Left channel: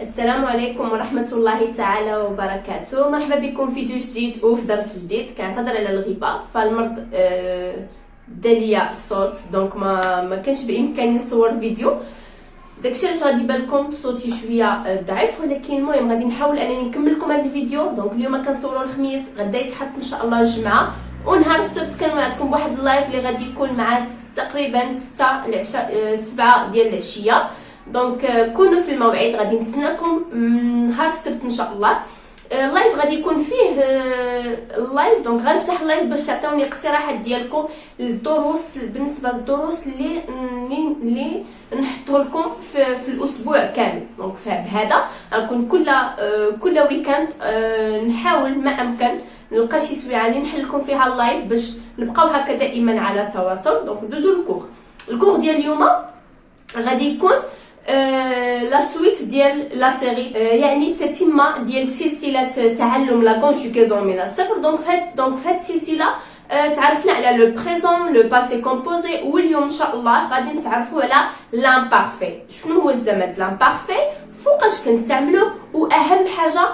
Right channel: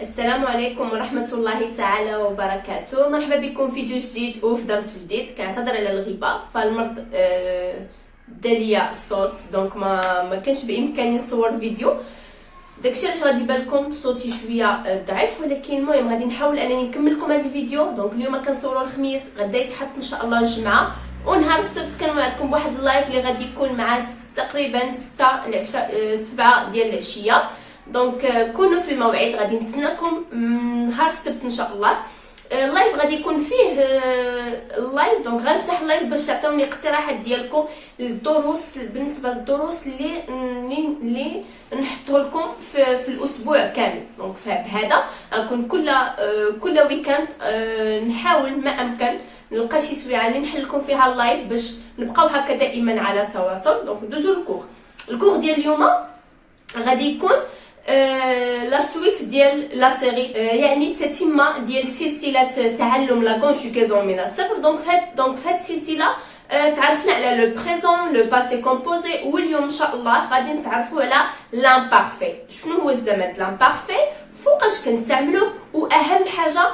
السلام عليكم ورحمة الله تعالى وبركاته. مرحبا بكم في فيديو جديد وفي درس جديد. كنعتذر على الغيبة، فالمرض داليا الصوت، دونك ما كانش بامكاني نصور فيديو. داكشي علاش غادي يبان لكم صوتي شويه ضعيف، ولكن المهم غادي نحاول انني نكمل لكم هذا الفيديو. دونك اليوم كنصوروا الخميس، غدا يتحط ان شاء الله الجمعه، ونهار السبت كنوعدكم بواحد اللايف اللي غادي يكون مع تقريبا 6 العشاء 7 ديال العشيه. دونك كونوا في الموعد، غادي نتسناكم نهار السبت ان شاء الله. اللايف غادي يكون فيه اللايف، دونك غنفتح اللايف باش تعطيوني اقتراحات ديالكم للدروس، بالنسبه للدروس اللي نحطه لكم في الاسبوع كامل. دونك بهذا غنكون كل ويكاند نحاول ما امكن نلقى شي سويعه اللي نحل لكم فيها اللايف باش نبقاو هكا دائما على تواصل. دونك ندوزو الكور ديال اليوم غادي يكون لا سويت ديال لا سيري، يعني التتمه ديال سلسله تعلم لا كونجوغاسيون من الصفر. دونك في هاد السلسله تعرفنا على لو بريزون، لو باسي كومبوزي، واليوم ان شاء الله غادي نتعرفوا على لامبارفي. شنو هو الزمن لامبارفي، فوقاش كنستعملوه، واهم حاجه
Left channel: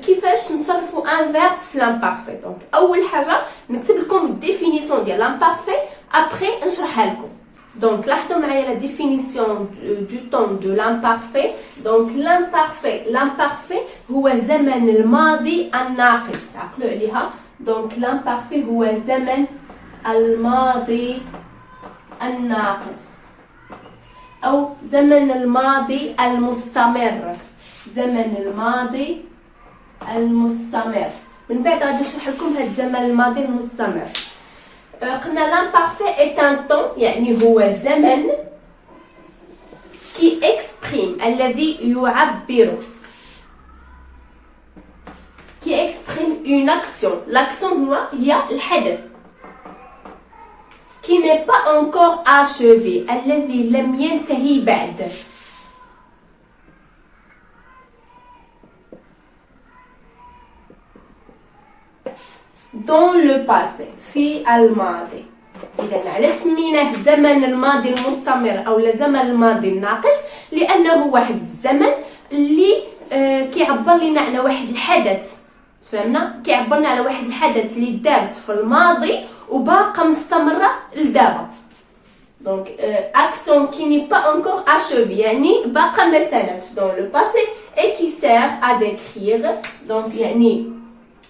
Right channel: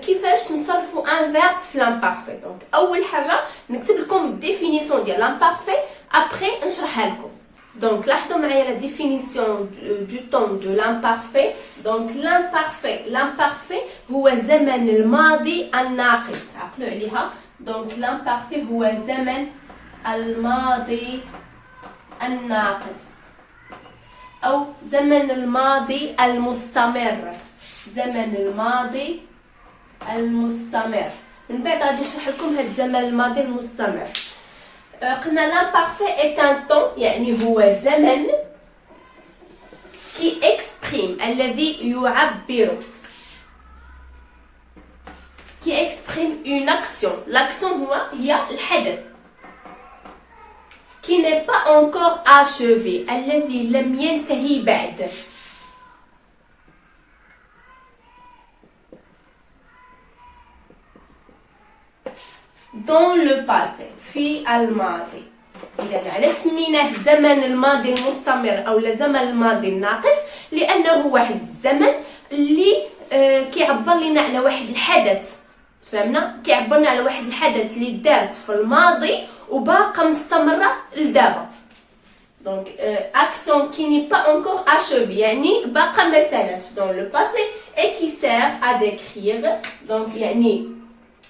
كيفاش نصرفوا ان فيرب في لامبارفي. دونك اول حاجه نكتب لكم الديفينيسيون ديال لامبارفي، ابري نشرحها لكم. Donc, لاحظوا معايا la définition du temps de l'imparfait. Donc, l'imparfait هو زمن الماضي الناقص. عقلوا عليها. Donc, l'imparfait هو زمن الماضي الناقص أو زمن الماضي المستمر. زمن الماضي المستمر. من بعد غادي نشرح لكم هاد الزمن الماضي المستمر. قلنا l'imparfait est un temps، يعني هو زمن qui exprime، الذي يعبر، qui exprime une action. l'action هي الحدث qui n'est pas encore achevé، الذي لم ينتهي بعد. dans le passé، في الماضي. إذا على سميناه زمن الماضي المستمر أو زمن الماضي الناقص، لأنه واحد الزمن اللي كيعبر لنا على واحد الحدث. فهمنا؟ كيعبر لنا على واحد الحدث اللي دارت في الماضي وباقا مستمرة لدابا. دونك action qui n'est pas encore achevée، يعني باقا ما سالاتش dans le passé et qui sert à décrire. دونك يعني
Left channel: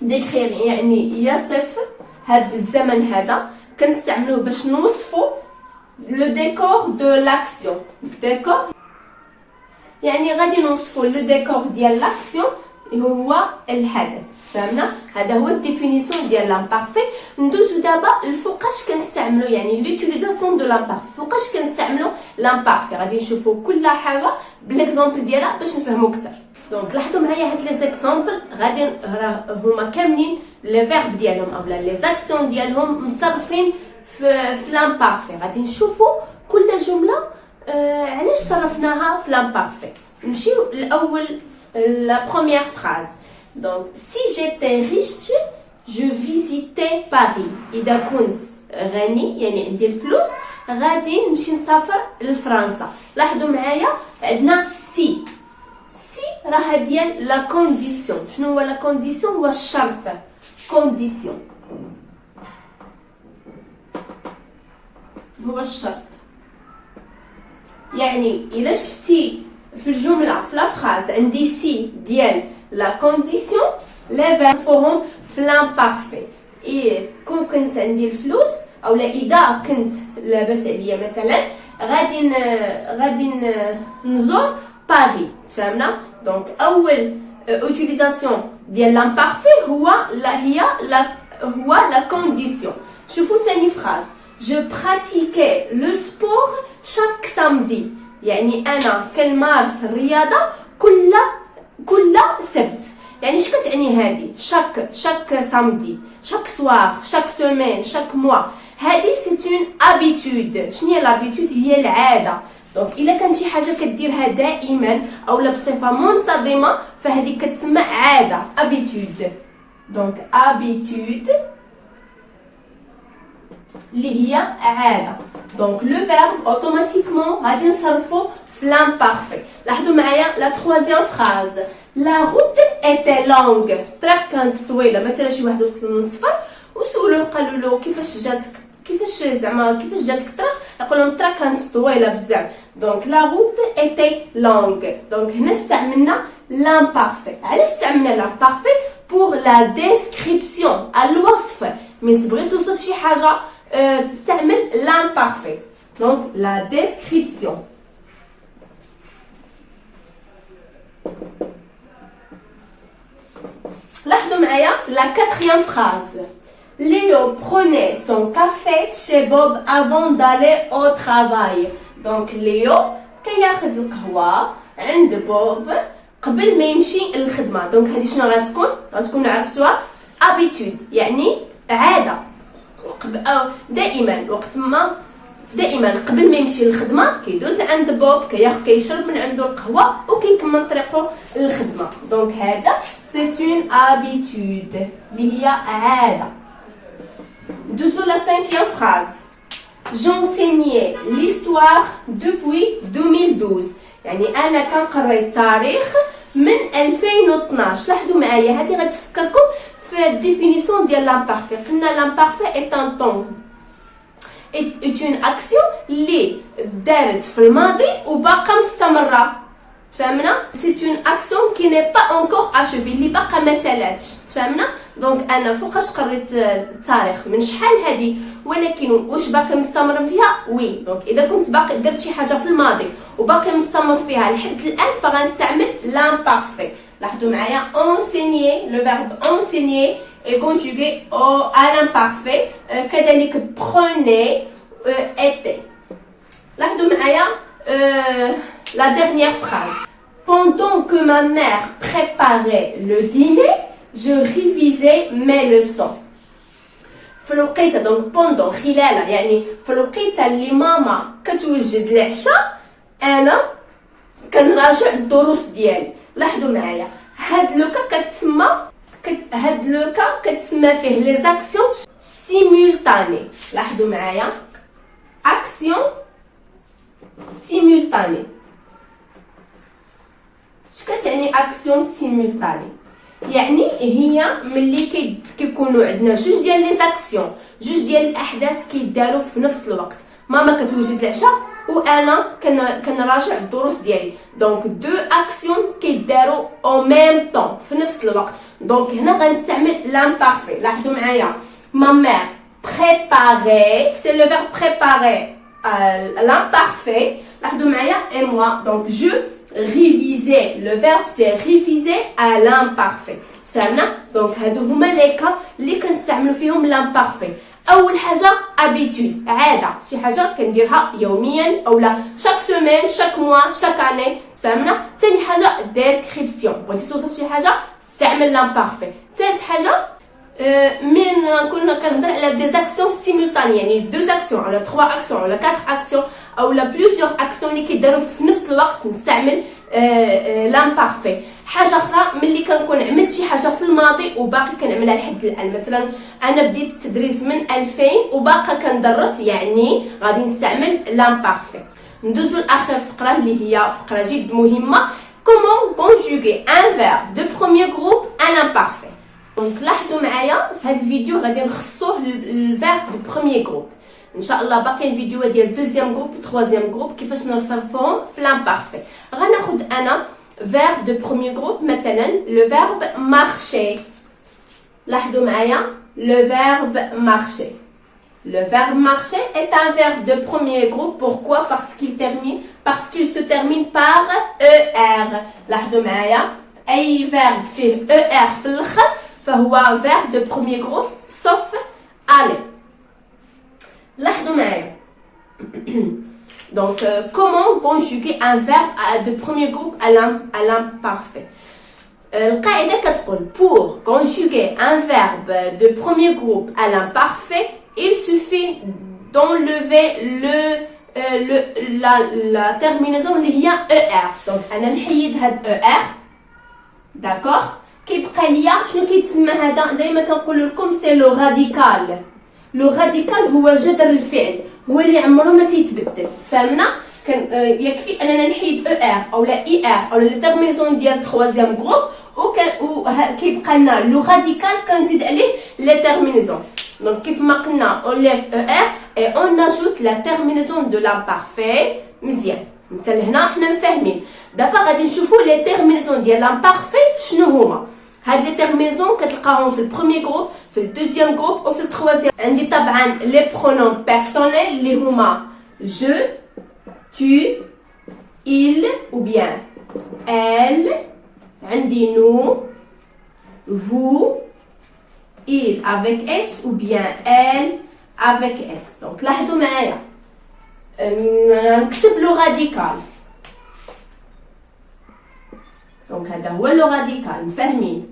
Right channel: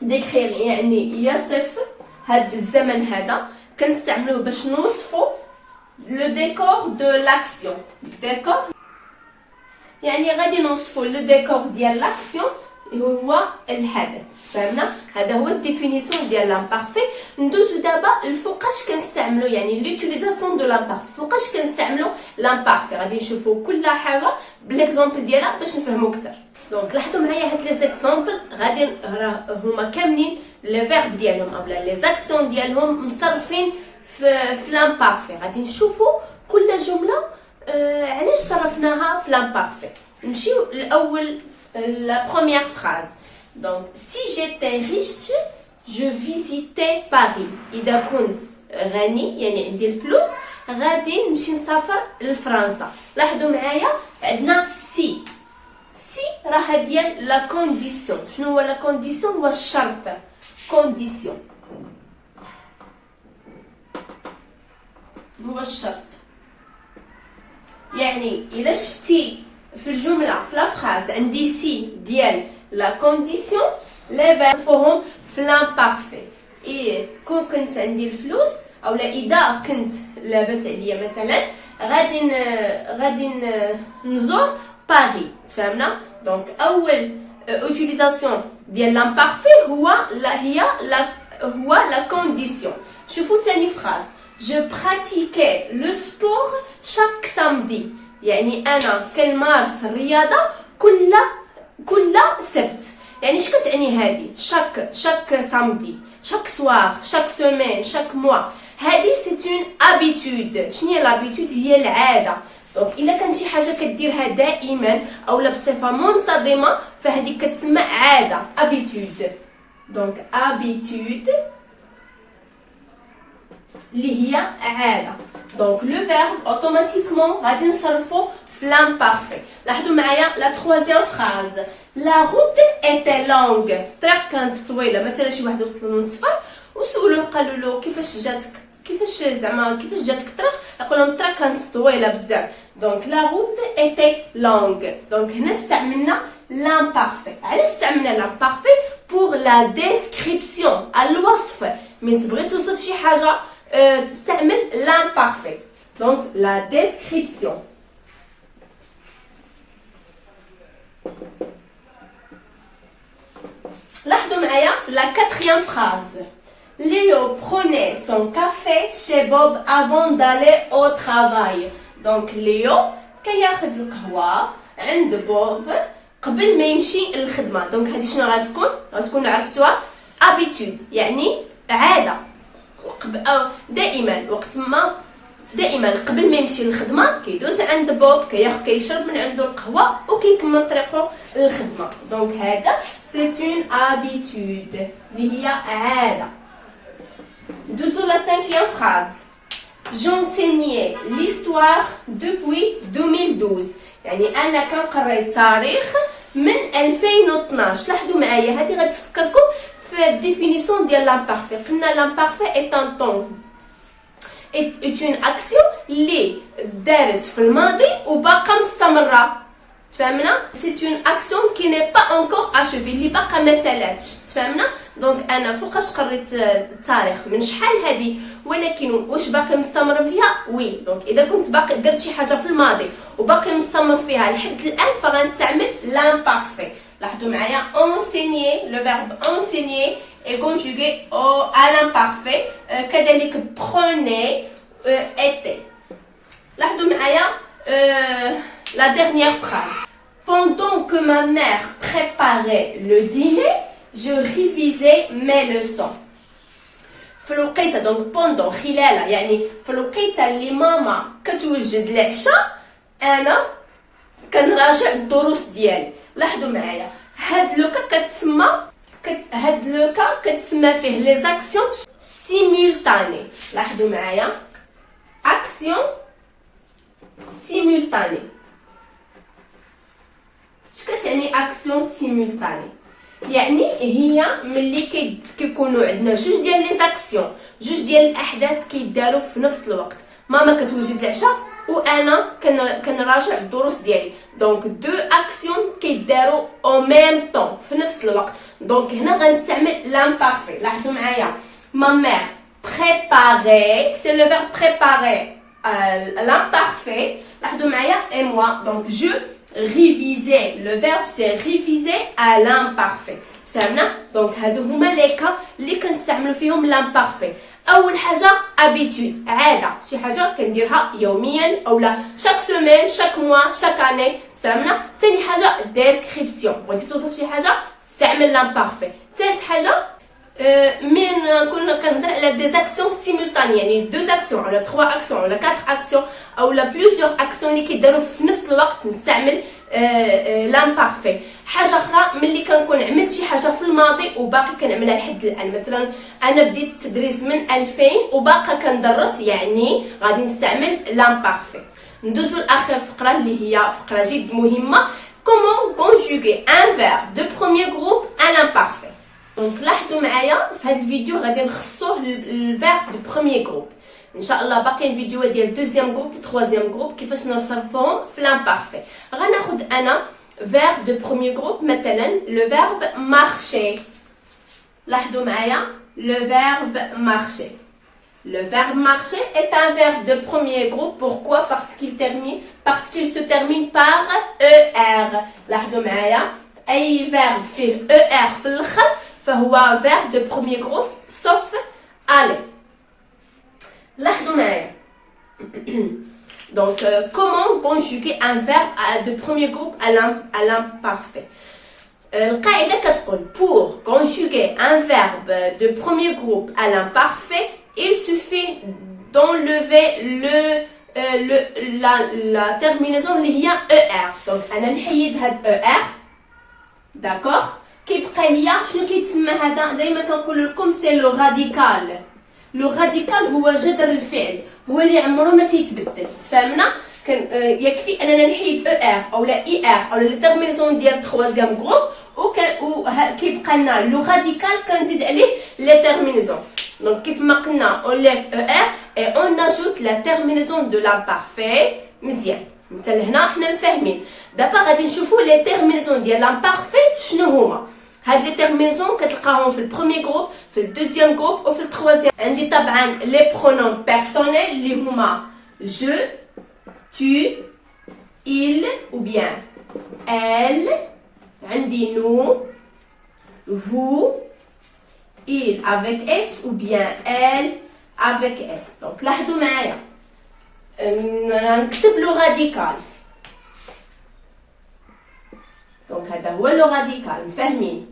ديكرير يعني يصف هاد الزمن هذا، كنستعملوه باش نوصفوا لو ديكور دو لاكسيون. ديكور يعني غادي نوصفوا لو ديكور ديال لاكسيون هو الحدث. فهمنا؟ هذا هو الديفينيسيون ديال لامبارفي. ندوزو دابا لفوقاش كنستعملو، يعني لوتيليزاسيون دو لامبارفي، فوقاش كنستعملو لامبارفي. غادي نشوفوا كل حاجه بالاكزامبل ديالها باش نفهموا اكثر. دونك لاحظوا معايا هاد لي زيكزامبل، غادي هما كاملين لي فيرب ديالهم اولا لي زاكسيون ديالهم مصرفين في لامبارفي. غادي نشوفوا كل جمله علاش صرفناها في لامبارفي. نمشيو الاول la première phrase. Donc si j'étais riche je visitais Paris. إذا كنت غني يعني عندي الفلوس غادي نمشي نسافر لفرنسا. لاحظوا معايا عندنا سي راه ديال لا كونديسيون. شنو هو لا كونديسيون؟ هو الشرط. كونديسيون هو الشرط. يعني الا شفتي في الجمله في لا فراز عندي سي ديال لا كونديسيون، لي فيرب فيهم في لامبارفي. اي كون كنت عندي الفلوس اولا اذا كنت لاباس عليا مثلا غادي نزور باري. تفهمنا؟ دونك اول اوتيليزاسيون ديال لامبارفي هو لا كونديسيون. شوفوا ثاني فراز، je pratiquais le sport chaque samedi، يعني انا كنمارس الرياضه كل سبت. يعني اش كتعني هذه؟ chaque samedi، chaque soir، chaque semaine، chaque mois. هذه c'est une habitude. شنو هي l'habitude؟ هي العاده. دونك الا كانت شي حاجه كديرها دائما اولا بصفه منتظمه فهذه كتسمى عاده، habitude. دونك habitude اللي هي عادة. دونك لو فيرب اوتوماتيكمون غادي نصرفو في لامبارفي. لاحظوا معايا لا تخوازيام فراز. لا روت ايتي لونغ، الطريق كانت طويله. مثلا شي واحد وصل من السفر وسولوه قالوا له كيفاش جاتك كيفاش جاتك الطريق، يقول لهم الطريق كانت طويله بزاف. دونك لا روت ايتي لونغ. دونك هنا استعملنا لامبارفي. علاش استعملنا لامبارفي؟ بور لا ديسكريبسيون، الوصف. من تبغي توصف شي حاجه تستعمل l'imparfait. Donc la description. لاحظوا معايا la quatrième phrase. Léo prenait son café chez Bob avant d'aller au travail. Donc Léo كياخذ القهوة عند بوب قبل ما يمشي للخدمة. دونك هذه شنو غتكون عرفتوها؟ habitude يعني عادة. دائما قبل ما يمشي للخدمه كيدوز عند بوب كيشرب من عنده القهوه وكيكمل طريقه للخدمه. دونك هذا سي اون هابيتود اللي هي عاده. ندوزو لا 5e phrase. J'enseignais l'histoire depuis 2012. يعني انا كنقري التاريخ من 2012. لاحظوا معايا هذه غتفكركم في الديفينيسيون ديال لامبارفي. قلنا لامبارفي ايت ان طون ايت اون اكسيون اللي دارت في الماضي وباقا مستمره. تفهمنا؟ سي اون اكسيون كي ني با اونكور اشوفي، اللي باقا ما سالاتش. تفهمنا؟ دونك انا فوقاش قريت التاريخ من شحال هذه، ولكن واش باقي مستمر فيها؟ وي. دونك اذا كنت باقي درت شي حاجه في الماضي وباقي مستمر فيها لحد الان فغنستعمل لامبارفي. لاحظوا معايا enseigner، لو فيرب enseigner est conjugué à l'imparfait. كذلك prenez était. لاحظوا معايا la dernière phrase. Pendant que ma mère préparait le dîner, je révisais mes leçons. في الوقيته دونك بوندون خلال، يعني في الوقيته اللي ماما كتوجد العشاء انا كنراجع الدروس ديالي. لاحظوا معايا هاد لوكا كتسمى فيه لي زاكسيون سيمولتاني. لاحظوا معايا اكسيون سيمولتاني. اش كتعني اكسيون سيمولتاني؟ يعني هي ملي كيكونوا عندنا جوج ديال لي زاكسيون، جوج ديال الاحداث كيداروا في نفس الوقت. ماما كتوجد العشاء وانا كنراجع الدروس ديالي. دونك دو اكسيون كيداروا او ميم طون في نفس الوقت. دونك هنا غنستعمل لامبارفي. لاحظوا معايا ما مير بريباري سي لو فيرب بريباري l'imparfait. لاحظوا معايا et moi donc je révisais. Le verbe c'est réviser à l'imparfait. تفهمنا؟ دونك هادو هما لي كا اللي كنستعملوا فيهم l'imparfait. اول حاجه habitude، عاده، شي حاجه كنديرها يوميا اولا شاك سيمين شاك موا شاك اني. تفهمنا؟ ثاني حاجه description، بغيتي توصف شي حاجه استعمل l'imparfait. ثالث حاجه من كنا كنهضر على دي زاكسيون سيمولطاني، يعني دو زاكسيون ولا 3 اكسيون ولا 4 اكسيون اولا بليزيور اكسيون اللي كيداروا في نفس الوقت نستعمل لامبارفي. حاجه اخرى ملي كنكون عملت شي حاجه في الماضي وباقي كنعملها لحد الان. مثلا انا بديت التدريس من 2000 وباقا كندرس، يعني غادي نستعمل لامبارفي. ندوزو لاخر فقره اللي هي فقره جد مهمه. comment conjuguer un verbe de premier groupe à l'imparfait. دونك لاحظوا معايا في هذا الفيديو غادي نخصوه الفيرب دو بروميير جروب. ان شاء الله باقيين فيديوهات ديال دوزيام جروب و تروازيام جروب كيفاش نصرفوهم في لامبارفي. غناخذ انا فيرب دو بروميير جروب مثلا لو فيرب مارشي. لاحظوا معايا لو فيرب مارشي. Le verbe marcher est un verbe de premier groupe. Pourquoi? Parce qu'il se termine par ER. لاحظوا معايا أي verbe فيه ER في الآخر فهو verbe de premier groupe sauf aller. لاحظوا معايا. Donc comment conjuguer un verbe de premier groupe à l'imparfait. القاعدة كتقول pour conjuguer un verbe de premier groupe à l'imparfait, il suffit d'enlever la terminaison اللي هي ER. Donc أنا نحيد هاد ER. داكوغ. كيبقى ليا شنو كيتسمى هذا؟ دائما كنقول لكم سي لو راديكال. لو راديكال هو جذر الفعل، هو اللي عمره ما تيتبدل. تفهمنا؟ كان يكفي اننا نحيد او ار او لا اي ار او لا تيرميناسيون ديال التخوازيام جروب، كيبقى لنا لو راديكال كنزيد عليه لا تيرميناسيون. دونك كيف ما قلنا اون ليف او ار اي اون اجوت لا تيرميناسيون دو لامبارفي. مزيان حتى لهنا حنا مفاهمين. دابا غادي نشوفوا لي تيرميناسيون ديال لامبارفي شنو هما. هاد لي تيرميناسيون كتلقاهم في البروميير جروب، في الدوزيام جروب وفي التروازيام. عندي طبعا لي برونوم بيرسونيل اللي هما جو، tu, il ou bien elle. عندي nous, vous, il avec s ou bien elle avec s. donc لاحظوا معايا نكتب لو راديكال. دونك هذا هو لو راديكال. مفاهمين؟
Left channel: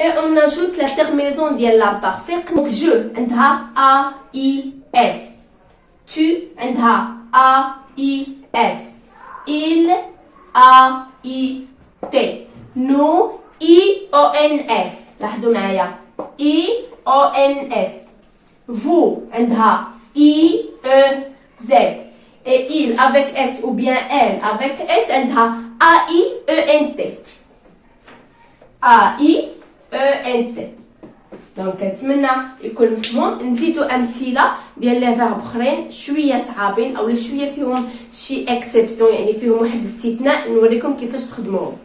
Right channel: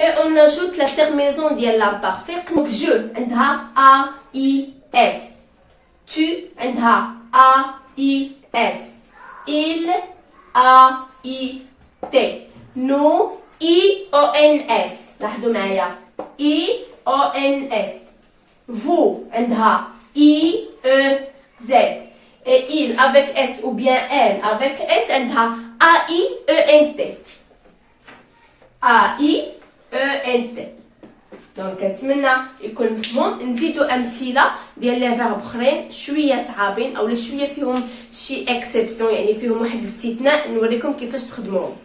et on ajoute la terminaison ديال l'imparfait. donc je عندها a i s, tu عندها a i s, il a i t, nous i o n s. لاحظوا معايا i o n s. vous عندها i e z, et il avec s ou bien elle avec s عندها a i e n t, a i انت. دونك كنتمنى يكون مفهوم. نزيدو امثله ديال لي فيرب اخرين شويه صعابين او شويه فيهم شي اكسبسيون، يعني فيهم واحد الاستثناء نوريكم كيفاش تخدموهم.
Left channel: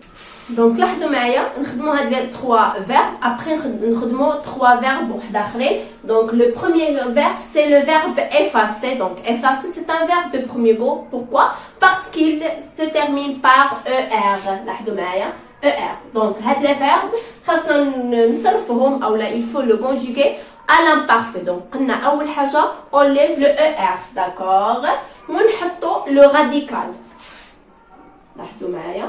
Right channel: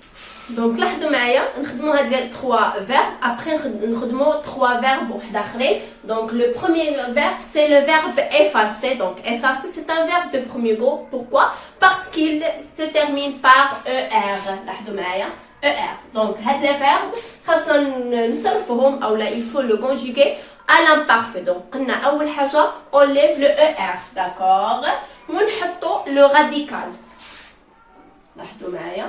دونك لاحظوا معايا نخدمو هاد لي 3 فيرب، ابري نخدمو 3 فيرب واحد اخرين. دونك لو بروميير فيرب سي لو فيرب effacer. donc effacer c'est un verbe de premier groupe. pourquoi? parce qu'il se termine par er. لاحظوا معايا er. donc هاد لي فيرب خاصنا نصرفوهم او لا il faut le conjuguer à l'imparfait. donc قلنا اول حاجه on lève le er. d'accord. ونحطو لو راديكال. لاحظوا معايا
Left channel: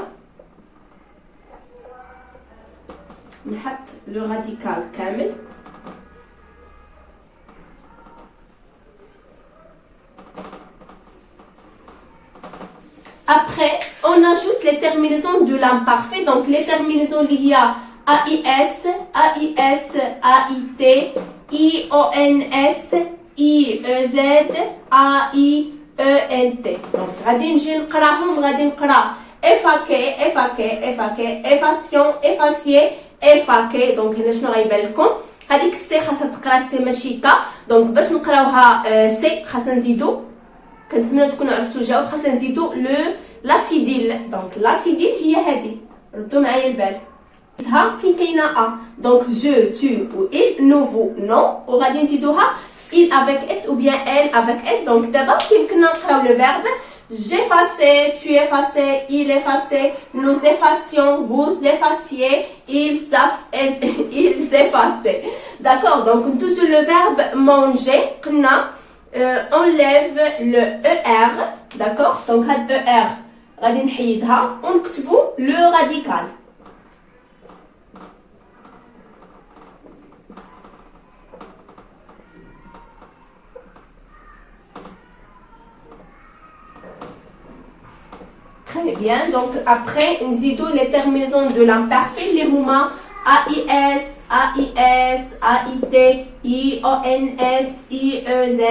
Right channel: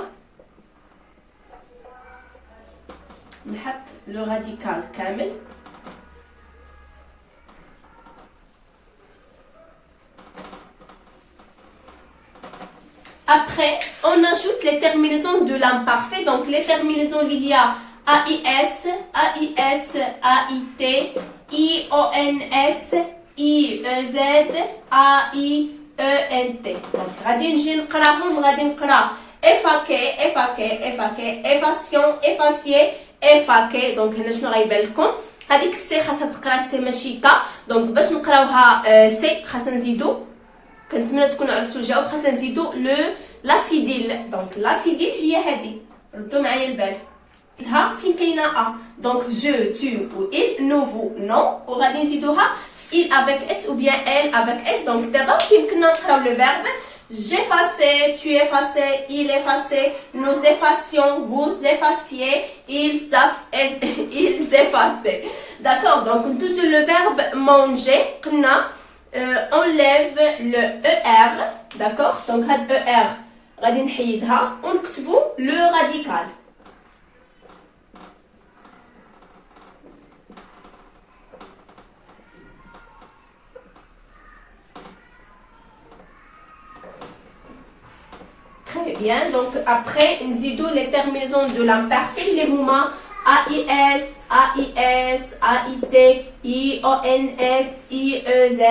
نحط لو راديكال كامل. Après, on ajoute les terminaisons de l'imparfait. Donc, les terminaisons liées à AIS, AIS, AIT, IONS, IEZ, AIENT. Donc, غادي نجي نقراهم. غادي نقرا effacer, effacer, effacer, effacient, effacier, effacer. donc هنا شنو غيبان لكم؟ هذيك السي خاصها تقرا سي ماشي تا. دونك باش نقراوها سي خاصنا نزيدو، كنتمنى تكونوا عرفتوا الجواب، خاصنا نزيدو لاسيديل. دونك لاسيديل هي هذه، ردوا معايا البال. ها فين كاينه ا. دونك جو tu و il, nous vous non، وغادي نزيدوها il avec s ou bien elle avec s. دونك دابا كيمكننا نقراو لو فيرب j'effaçais, tu effaçais, il effaçait, nous effacions, vous effaciez, ils effaçaient. d'accord. donc ندوزو le verbe manger. قلنا enlève le er. d'accord. donc هاد er غادي نحيدها ونكتبو لو راديكال. très bien. donc après نزيدو les terminaisons de l'imparfait اللي هما AIS, AIS, AIT, IONS, IEZ,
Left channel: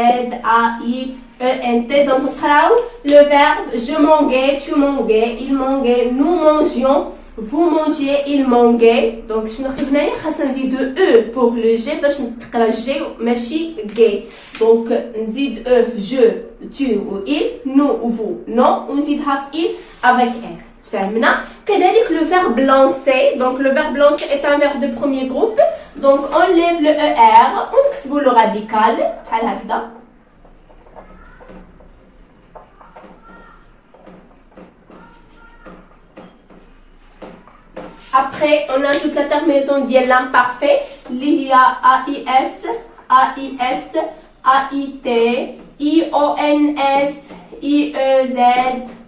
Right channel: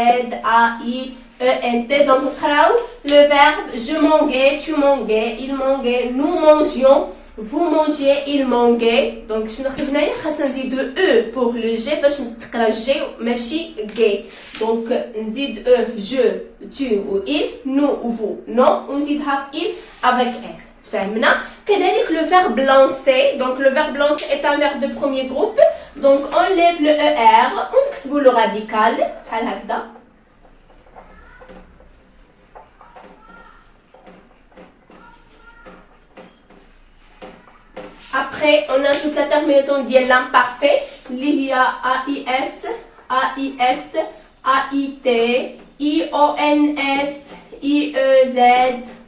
AIENT. donc نقراو le verbe je mangeais, tu mangeais, il mangeait, nous mangions, vous mangiez, il mangeait. donc شنو خصنا هنايا؟ خاصنا نزيدو او pour le G باش تقرا جي ماشي gay. donc نزيد او في je, tu و il, nous و vous non، ونزيدها في il avec s. تفهمنا؟ كذلك le verbe lancer. donc le verbe lancer est un verbe de premier groupe. donc on lève le er ونكتبو le radical بحال هكذا. après on ajoute la terminaison ديال l'imparfait اللي هي AIS, AIS, AIT, IONS, IEZ,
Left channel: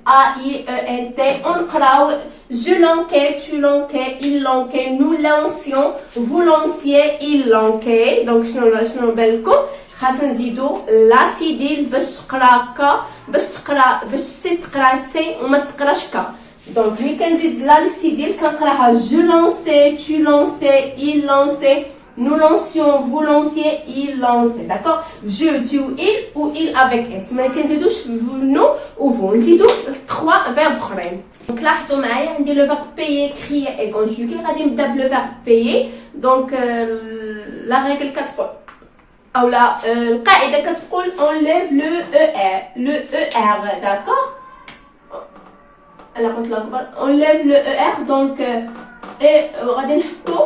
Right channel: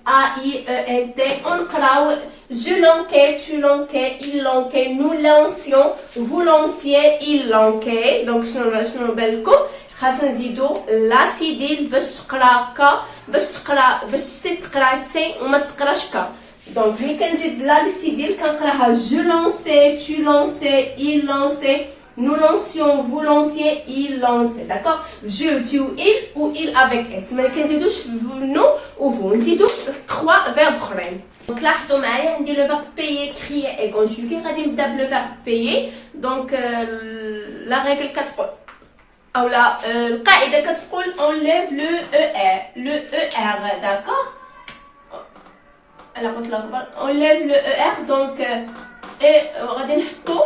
AIENT. ونقراو je lançais, tu lançais, il lançait, nous lancions, vous lanciez, il lançait. donc شنو بان لكم؟ خاصنا نزيدو لاسيديل باش تقرا ك، باش سي تقرا سي وما تقراش ك. دونك ملي كنزيد لاسيديل كنقراها جو لونسي، tu lançais, il lançait, nous lancions, vous lanciez, il lançait. D'accord? Je, tu, il ou il avec s. ما كنزيدوش nous ou vous. نزيدو 3 verbes اخرين. دونك لاحظوا معايا عندي لو verbe payer, crier et conjuguer. غادي نبدا بلو verbe payer. دونك لا ريغل كتقول او لا القاعده كتقول enlève le er, d'accord. على قلت لكم enlève le er. دونك غادي نحطو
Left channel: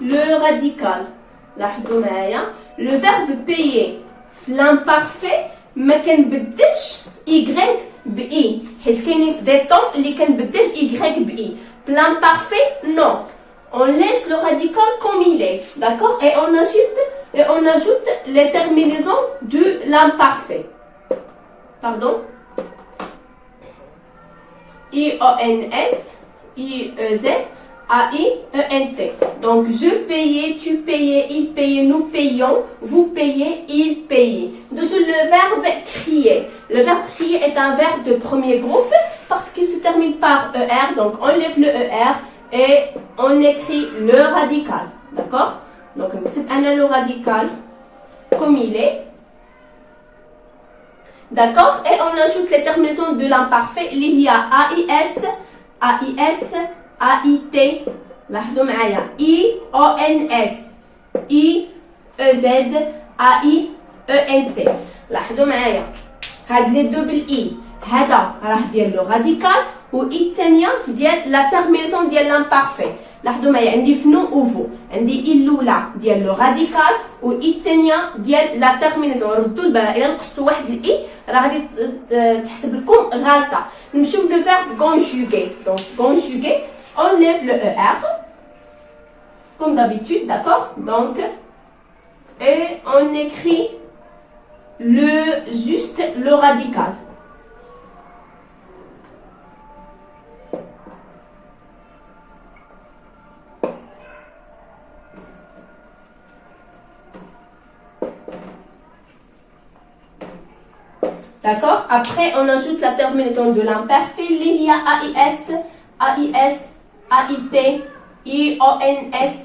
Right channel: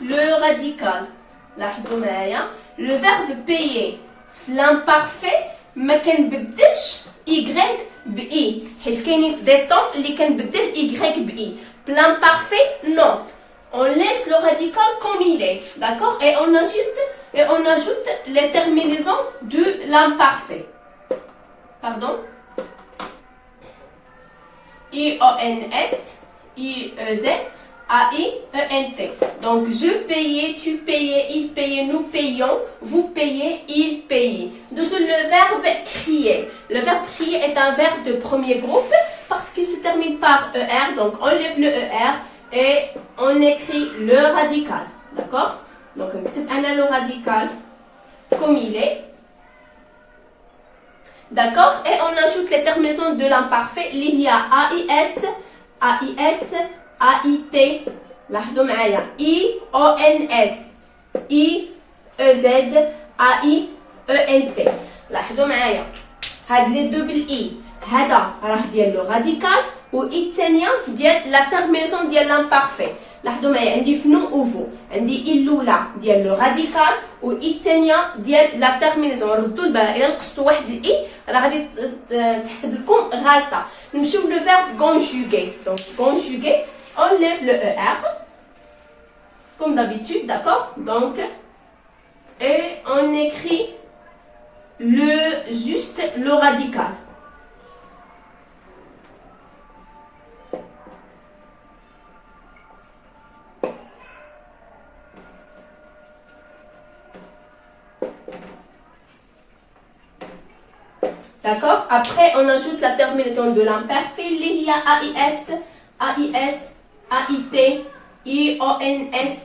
le radical. لاحظوا معايا لو verbe payer في l'imparfait ما كنبدلش y ب i، حيت كاينين في دي طون اللي كنبدل y ب i. l'imparfait non, on laisse le radical comme il est, d'accord, et on ajoute les terminaisons de l'imparfait. Pardon. I-O-N-S, I-E-Z, A-I-E-N-T. Donc, je payais, tu payais, il payait, nous payions, vous payez, il payait. Dessous le verbe crier. Le verbe crier est un verbe de premier groupe parce qu'il se termine par ER. Donc, on lève le ER et on écrit le radical. D'accord? Donc, on a le radical comme il est. D'accord? Et on ajoute les terminaisons de l'imparfait. Il y a AIS, AIS, AIT. لاحظوا معايا IONS, IEZ, AIENT. لاحظوا معايا هاد لي دو بالاي، هذا راه ديال لو راديكال و اي الثانيه ديال لا تيرمينيزون ديال لامبارفي. لاحظوا معايا عندي في نو و فو، عندي اي الاولى ديال لو راديكال و اي الثانيه ديال لا تيرمينيزون. ردوا البال الا نقصتوا واحد الاي راه غادي تحسب لكم غالطه. نمشيو لو فيرب كونجوغي. دونك كونجوغي on lève le ER comme d'habitude, d'accord. Donc et on écrit le radical. D'accord. Après on ajoute la terminaison de l'imparfait. Il y a AIS, AIS, AIT, IONS,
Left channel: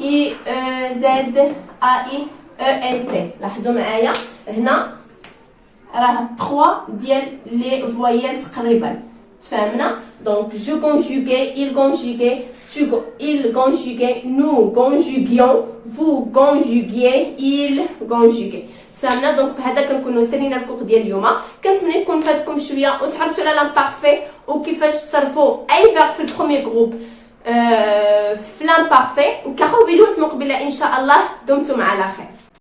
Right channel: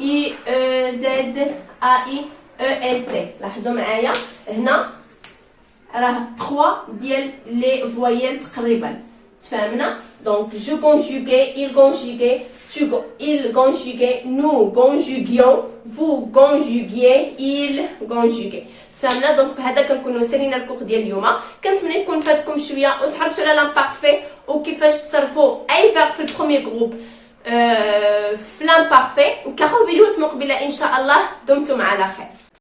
IEZ, AIENT. لاحظوا معايا هنا راه 3 ديال لي فويال تقريبا. تفهمنا؟ دونك جو conjuguais, il conjuguait, il conjuguait, nous conjuguions, vous conjuguiez, il conjuguait. تفهمنا؟ دونك بهذا كنكونوا سالينا الكور ديال اليوم. كنتمنى يكون فاتكم شويه وتعرفتوا على لامبارفي وكيفاش تصرفوا اي فيرب في البروميير جروب في لامبارفي. نتلاقاو فيديو مقبله ان شاء الله. دمتم على خير.